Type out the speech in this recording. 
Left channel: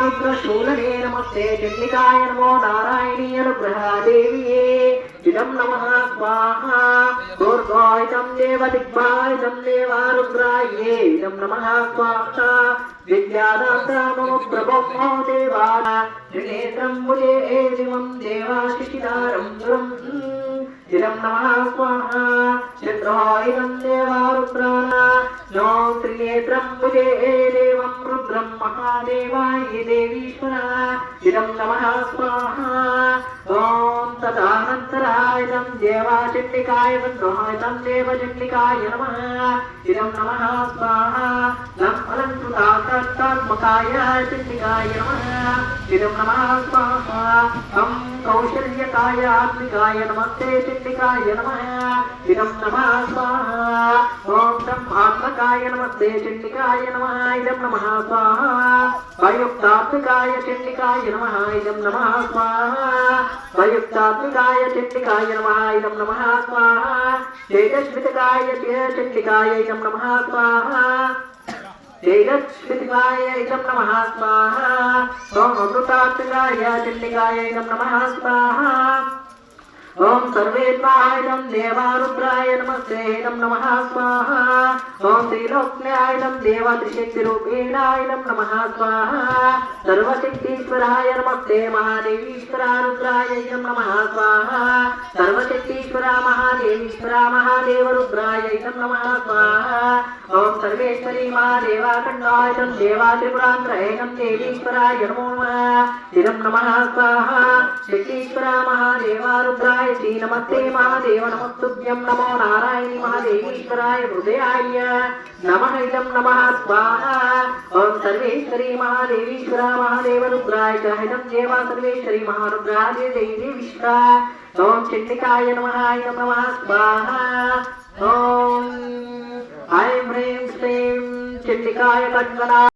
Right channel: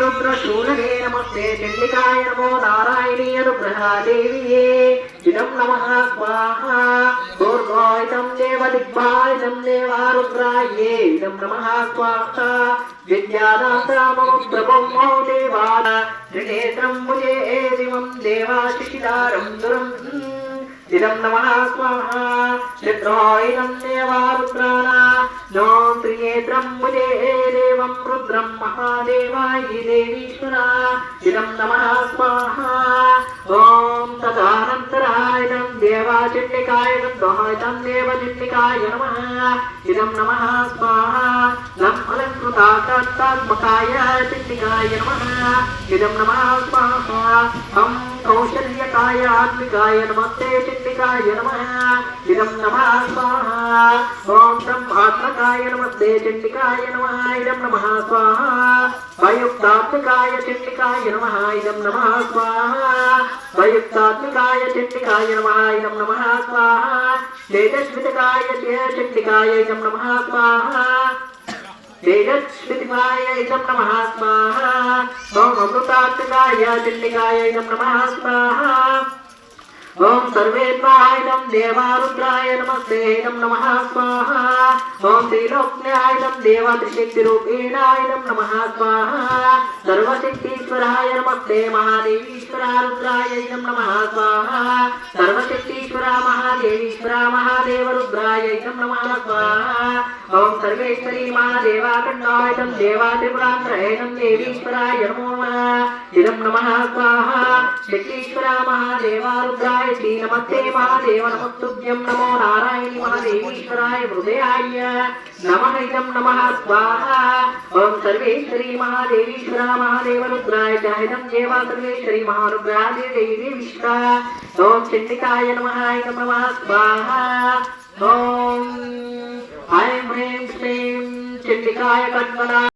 रुद्रशूलने नमस्ते चंडिकाय नमो नारायणी अनुग्रहादेव्ये इदं नमः स्वाहा दुर्गायतं देवदिग्भायतं देवारुद्राये इदं नमः स्वाहा विद्यादाता मम प्रभो देवा त्रिनेत्रं मुजे दिवं देवाशिशिदारं दुरं इदं नमः स्वाहा चन्द्रायनं देवारुद्राणा नो त्रिनेत्रं मुजे देवं रुद्रं महादेवाय देवीश्वरा इदं नमः स्वाहा ॐ तदानन्तरायनं देवाचण्डिकाय गन्धोहायतं देवचण्डिकाय नमः इदं नमः स्वाहा नं अलङ्कृतात्मकाय चण्डिकाय नमः इदं नमः स्वाहा तं कौशल्यकाय आत्मिकाय नमस्ते चण्डिकाय नमः इदं नमः स्वाहा ॐ तं आत्मकाय नमस्ते चण्डिकाय नमः इदं नमः स्वाहा वयुक्तात्मिकाय चण्डिकाय नमः इदं नमः स्वाहा वयुक्तात्मिकाय चण्डिकाय नमः इदं नमः स्वाहा तेजस्वितकाय चण्डिकाय इदं नमः स्वाहा तेजस्वितकाय इदं नमः स्वाहा सोमवृतात्मिकाय चण्डिकाय इदं नमः स्वाहा ओम सर्वेन्द्रायनं देवारुद्राय नमस्ते इदं नमः स्वाहा ओम त्रिलोक्यायनं देवत्रिशक्तिरूपेणायनं नमः स्वाहा सर्वशक्तीश्वराय नमस्ते महादेवीश्वरारुद्राय इदं नमः स्वाहा सर्वशक्तीश्वरा महादेवीश्वरा महादेवरुद्राय इदं नमः स्वाहा ओम सर्वेश्वरी महादेवाखण्डायनं देवात्रिपुरान्तरयनं देवीश्वराय नमो नमः इदं नमः स्वाहा शक्तीश्वरा महादेवारुद्राय नमस्ते महादेव नमस्तुभ्यं नमो नारायणी महादेवीश्वराय हृदयाय नमः इदं नमः स्वाहा ओम सर्वेश्वरी महादेवीश्वरा महादेवरुद्राय च इदं देवा सर्वेश्वरी महारुद्रा देवीश्वरा ओम चण्डिकाय नमः इदं नमः स्वाहा ओम ऐं ह्रीं श्रीं चण्डिकाय कन्मना